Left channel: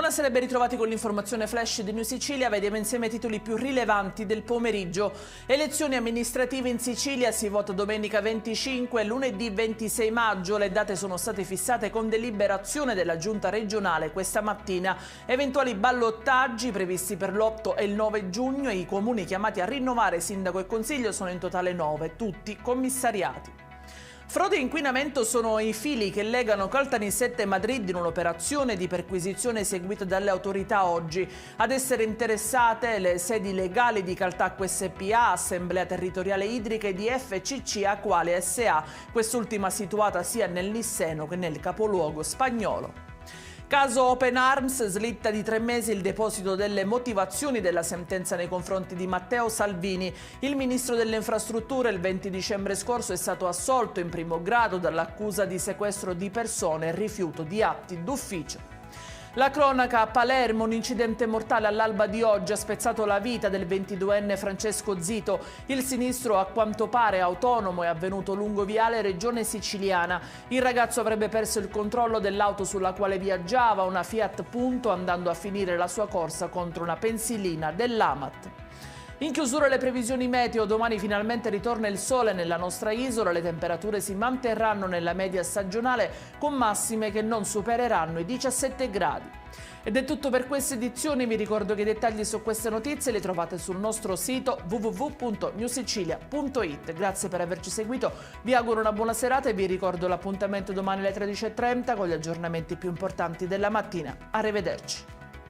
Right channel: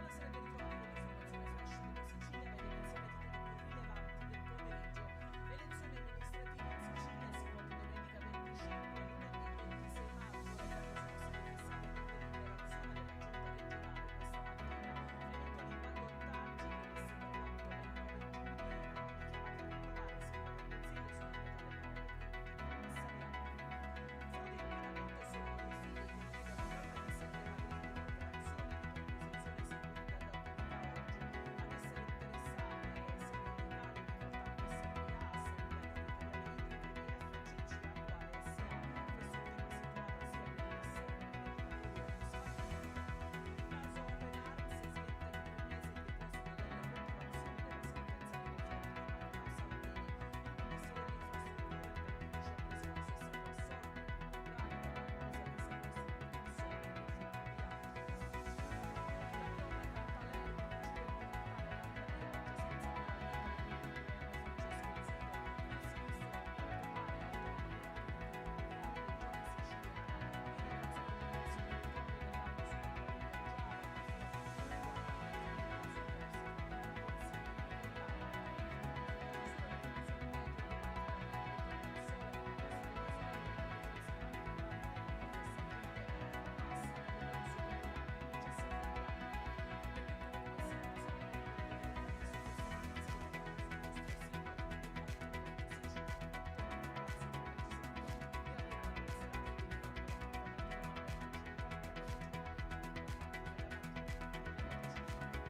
Buonasera e ben ritrovati con l'informazione flash di New Sicilia. Vediamo insieme i titoli più rilevanti del pomeriggio. Elezioni amministrative in Sicilia, si vota domenica 25 e lunedì 26 maggio. Le date sono state fissate con deliberazione della giunta regionale questa mattina. Eventuali ballottaggi previsti per l'8 e il 9 giugno e i comuni chiamati a rinnovare sindaco e consiglio sono in totale 9, tutti commissariati. Frode e inquinamento sono i fili che legano Caltanissetta e Madrid in un'operazione di perquisizione eseguita dalle autorità oggi. Ad essere interessate le sedi legali di Caltacque SPA, Assemblea Territoriale Idrica e di FCC Acquale SA, quest'ultima situata sia nel Nisseno che nel capoluogo spagnolo. Caso Open Arms, slitta di 3 mesi il deposito delle motivazioni della sentenza nei confronti di Matteo Salvini. Il ministro delle infrastrutture il 20 dicembre scorso è stato assolto in primo grado dall'accusa di sequestro di persone e rifiuto di atti d'ufficio. La cronaca a Palermo, un incidente mortale all'alba di oggi ha spezzato la vita del 22enne Francesco Zito. Il sinistro, a quanto pare autonomo, è avvenuto lungo viale Regione Siciliana. Il ragazzo avrebbe perso il controllo dell'auto sulla quale viaggiava, una Fiat Punto, andando a finire la sua corsa contro una pensilina dell'Amat. In chiusura le previsioni meteo, domani finalmente ritorna il sole nella nostra isola, le temperature si manterranno nella media stagionale con massime che non supereranno i 17 gradi. Ed è tutto per questa edizione, vi ricordo che i dettagli su queste notizie li trovate sul nostro sito www.newsicilia.it. Grazie per averci seguito, vi auguro una buona serata e vi ricordo l'appuntamento domani alle 13:30 con gli aggiornamenti più importanti della mattina. Arrivederci.